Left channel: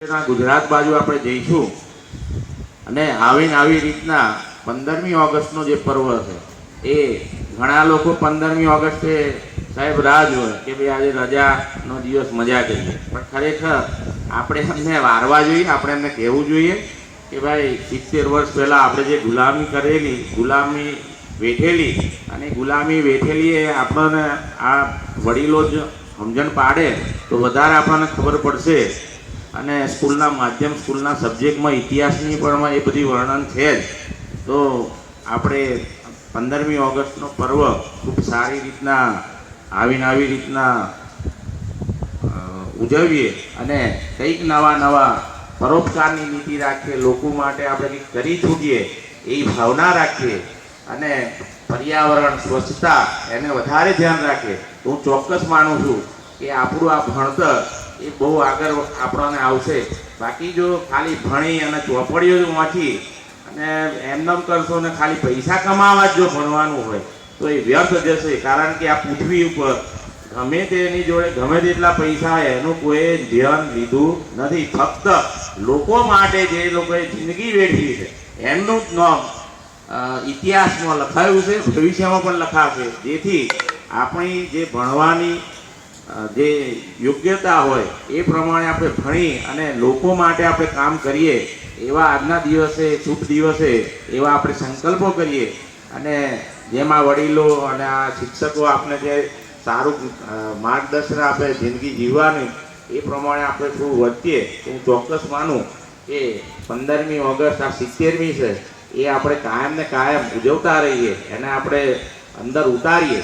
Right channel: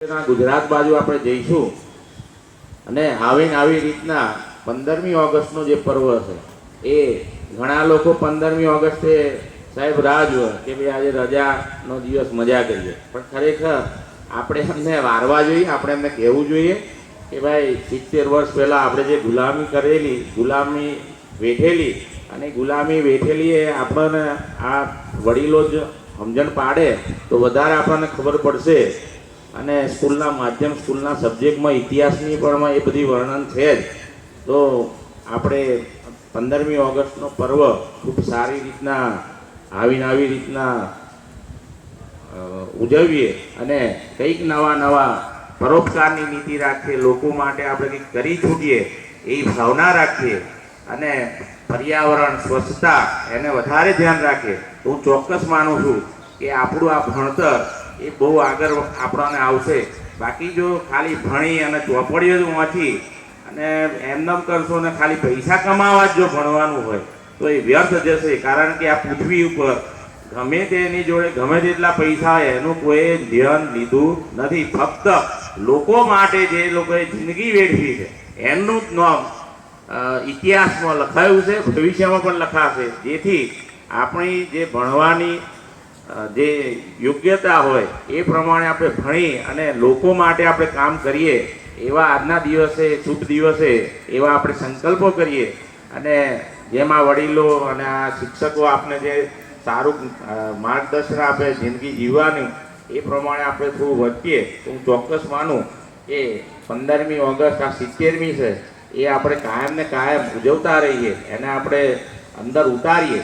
ગુજરાત બાજુ આપણે જઈશું અને આવીને આવી રીતના 15મી ઓગસ્ટનો જે પર્વ છે એ ઘણા લોકો 15મી ઓગસ્ટે સાહેબ રાહ જોવે કે ભાઈ આજે રજાનો દિવસ મજા કરીએ, પણ ખરેખર આપણે એમને વારવા જોઈએ, આપણે એમને કહેવું જોઈએ કે ભાઈ 70 વર્ષ પહેલાં આપણે જે ગુલામી કરેલી, ગુલામી વેઠેલી અને ગુલામી વેઠેલી એ આપણને આ વડીલો જ સમજણ પાડે તો વધારે આપણને ખબર પડશે. અને સ્કૂલના માધ્યમ સ્કૂલના સબ્જેક્ટમાં ઇતિહાસની પણ એ બધી વર્ણન છે જ. તો આપણે 15મી ઓગસ્ટનો પર્વ ખૂબ સારી રીતના આવી રીતના ઉજવીએ અને કંઈક નવા પરોપકારની નીતિ રાખીએ, લોકો માટે આપણે કંઈક કરી છૂટીએ એવી ભાવના રાખીએ અને પર્યાવરણ સ્વચ્છતા એને વધારે ધ્યાન રાખીએ તો હું ચોક્કસ માનું છું કે આપણું આ ભણતર એ બહુ આગળ આપણને આવશે. બાકી જો ખાલી ભણી અને ચોપડીઓ વાંચી અને એમનેમ કરશો ને ખાલી પૈસા કમાવા જ જો ભણવાનું હોય તો એ વ્યર્થ જશે. કારણ કે આ પૃથ્વી ઉપર ગમે તેની જોડે ગમે તેટલા પૈસા હોય એનું કોઈ ધ્યાન લીધું નથી. ફક્ત લોકો માટે જે લોકોએ જિંદગી વેઠવી છે એમનું જ નામ ઇતિહાસમાં લખાયું છે, ભવિષ્યમાં પણ લખાશે. જેથી આપણી જે ભણવાની જે યોગ્યતા હોય એ પ્રમાણે આપણે ભણી અને લોકો માટે આપણે કામ કરીએ એવા આજના દિવસે, શુભ દિવસે એવા આપણે સંકલ્પો કરીએ અને જેમાં વડીલો અને આ શિક્ષકો આપણે જે સારું માર્ગદર્શન આપે જિંદગી જીવવાની એ પ્રમાણે આપણે થોડું વધીએ તો હું ચોક્કસ માનું કે 15મી ઓગસ્ટ આ 70મી છે એ આપણે કાયમ ને કાયમ ઉજવતા રહીએ, એને આપણે અંદર ઉતારીએ